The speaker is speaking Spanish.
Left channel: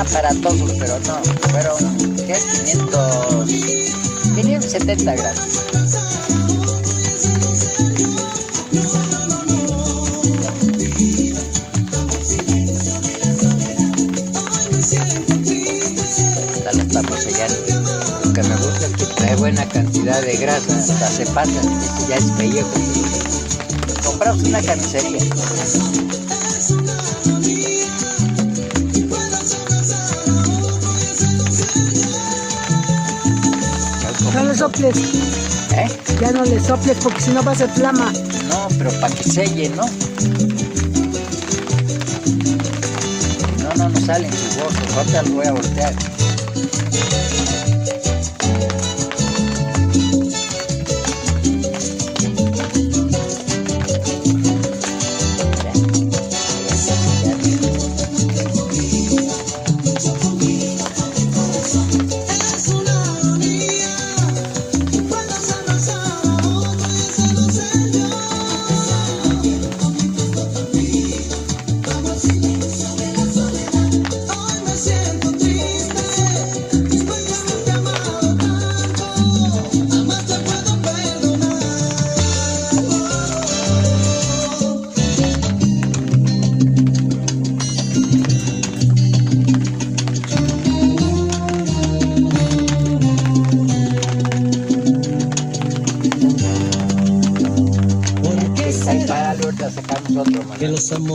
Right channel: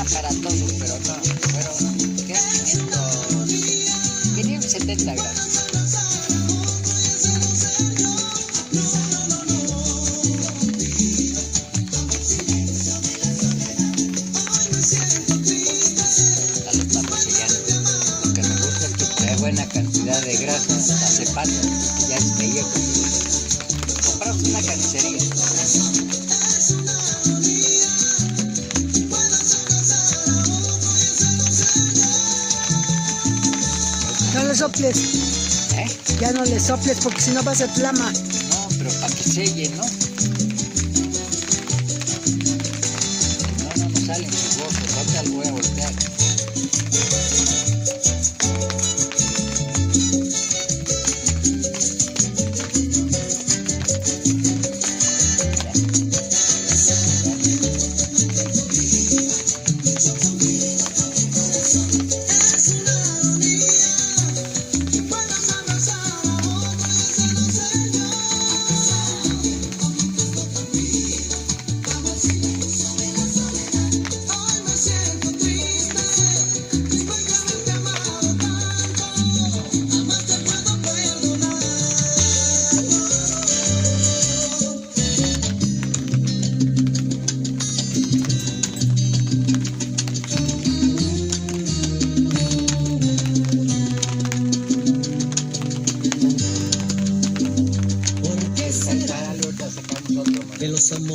Aparatosos, pero no, fueron, ¿qué? 570 gramos. Ya lo estamos sellando. Lo que me gusta es que trae buena cantidad de grasa, hasta se pasa, ya es pellejo. Compramos una carnicería. No le soples. Ya no le soples porque si no va a ser flama. No, pero para que selle, ¿no? No salen jugosos. Ahorita los voy a voltear. Sacamos otro,